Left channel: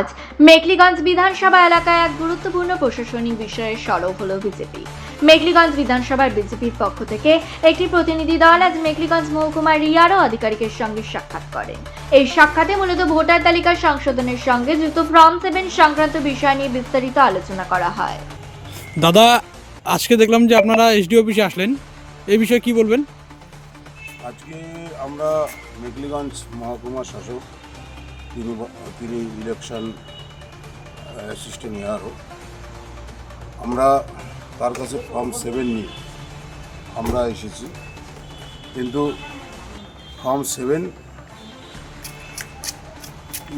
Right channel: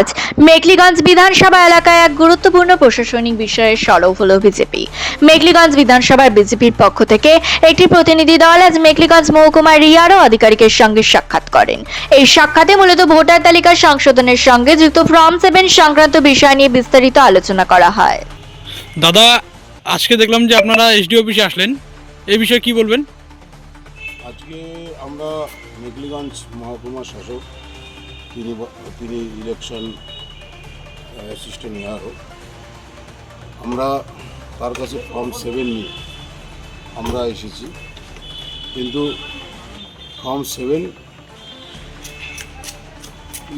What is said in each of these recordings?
আজ মেখলিগঞ্জ বিধানসভা এলাকায় এক গুরুত্বপূর্ণ প্রশাসনিক বিষয়ে সরব হলো বিজেপি। মেখলিগঞ্জ বিধানসভার বিজেপির পক্ষ থেকে একটি প্রতিনিধি দল আজ মেখলিগঞ্জ মহকুমার রিআরও আধিকারিকের সঙ্গে সাক্ষাৎ করেন। এই সাক্ষাতে মূলত ভোটার তালিকা সংশোধনের সঙ্গে যুক্ত ফর্ম 7 সংক্রান্ত বিষয় নিয়ে বিস্তারিত আলোচনা করা হয়। দাদা, আজকে দেখলাম যে আপনারা এসডি অফিসে আসলেন, এই বিষয়ে কি বলবেন? আজকে আমরা মেখলিগঞ্জ মহকুমা শাসক তিনি ইলেকশন অ্যাসিস্ট্যান্ট ইয়ারও, আমরা তার কাছে ফর্ম 7 নিয়ে আমরা এসেছি, কিন্তু ফর্ম 7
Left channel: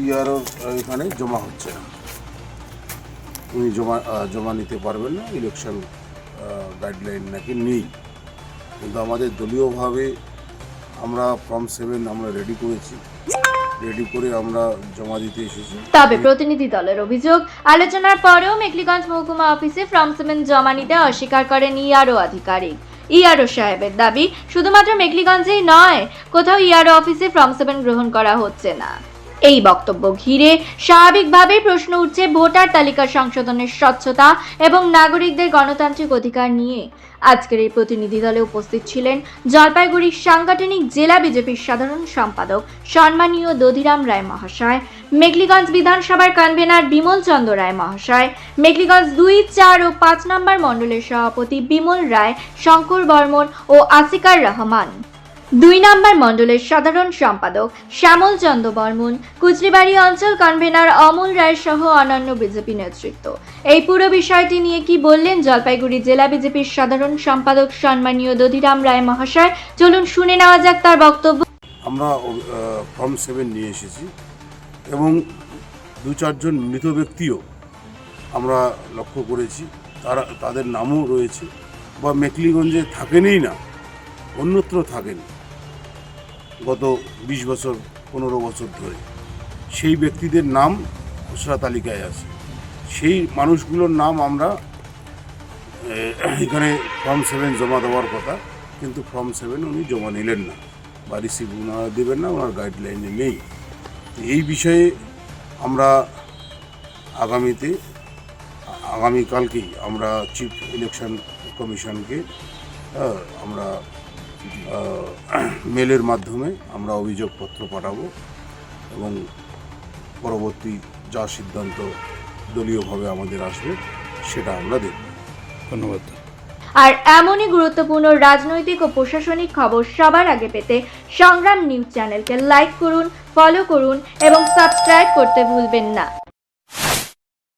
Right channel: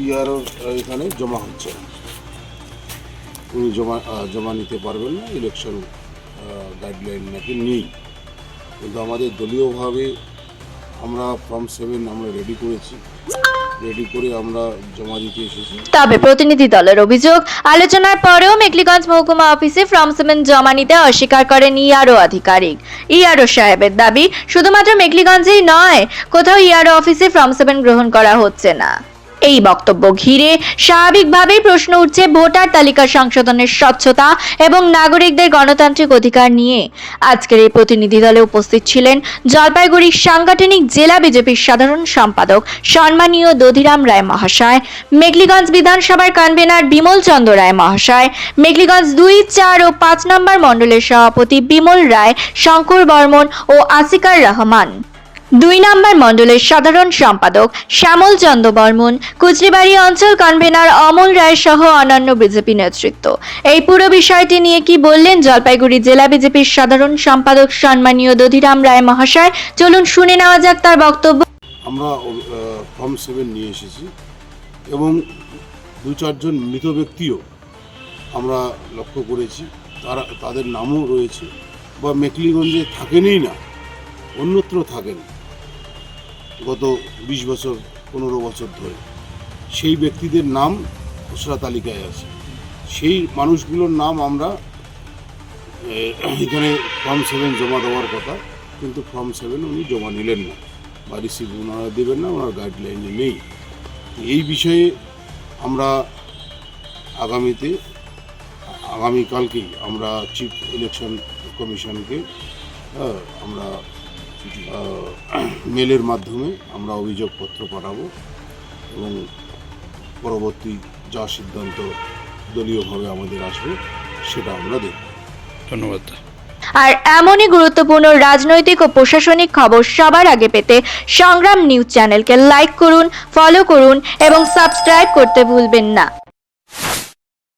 ইয়ারও এখানে জমা হচ্ছে না। উনি জমা নিতে পারবেন না, ইলেকশন গাইডলাইন নাকি নেই। কিন্তু আমাদের দলীয়ভাবে আমরা ফর্ম 7 আমরা রেডি করে আমরা জমা দিতে এসেছি। তবে প্রতিনিধি দলের অভিযোগ, আলোচনার পরেও মেখলিগঞ্জ মহকুমা অফিসে ফর্ম 7 জমা নিতে অস্বীকার করেন ইআরও আধিকারিক। ইআরও সাহেবের দাবি, শুধুমাত্র মেখলিগঞ্জেই নয়, কোথাও ইআরও অফিসে ফর্ম 7 গ্রহণ করা হচ্ছে না। এই বক্তব্য ঘিরে স্বাভাবিকভাবেই প্রশ্ন উঠছে ভোটার তালিকা সংশোধনের স্বচ্ছতা এবং নাগরিকদের গণতান্ত্রিক অধিকার নিয়ে। আজকের এই প্রতিনিধি দলে উপস্থিত ছিলেন জলপাইগুড়ির সাংগঠনিক জেলা বিজেপির সাধারণ সম্পাদক সম্মানীয় দধিরাম রায় মহাশয়, মেখলিগঞ্জ বিধানসভার কনভেনার বিমল চন্দ্র রায় মহাশয়, মেখলিগঞ্জ 2, 4 ও 5 নম্বর মণ্ডলের সভাপতি বিমল রায়, শঙ্কর বর্মন ও আসিকার রহমান, 2 নম্বর মণ্ডলের সাধারণ সম্পাদক শ্যামল চন্দ্র বর্মন, কুচরিবাড়ি অঞ্চল কনভেনার অমল রায় সহ অন্যান্য বিজেপি নেতৃত্ব। এই পুরো বিষয়টি নিয়ে কি বললেন জলপাইগুড়ি জেলা বিজেপির সাধারণ সম্পাদক সম্মানীয় দধিরাম রায় মহাশয়, চলুন শুনে নেওয়া যাক তার বক্তব্য। আমরা ফর্ম 7 নিয়ে এসেছি এবং 2-4 জন মৃত ব্যক্তিও আমরা লক্ষ্য করেছি, তাদের নামও রয়েছে, বা মেখলিগঞ্জে থাকেনই না, অন্যত্র থাকেন গত 20 বছর 15 বছর ধরে। সেই ব্যক্তিদের নাম খসড়া তালিকায় আছে, সেই মানুষগুলোর নাম আমরা এখানে ফর্ম 7 জমা দেওয়ার কথা, কিন্তু ফর্ম 7 উনি জমা নিলেন না বা রিসিভ ওনারা দেবেন না, ওনার গাইডলাইনে নেই। এই বিষয়ে আমরা আগামীকালকেই আমরা চিফ ইলেকশন কমিশনকে আমরা মেলের মাধ্যমে আমরা অভিযোগপত্র পাঠাবো এবং পরবর্তী যা সিদ্ধান্ত দলীয়ভাবে আমাদের আসবে সেটা আমরা দেখব। ধন্যবাদ। আর এমনই গুরুত্বপূর্ণ রাজনৈতিক ও প্রশাসনিক খবর সবার আগে পেতে সংগ্রাম নিউজ চ্যানেলকে লাইক করুন, ফলো করুন এবং সাবস্ক্রাইব করতে ভুলবেন না।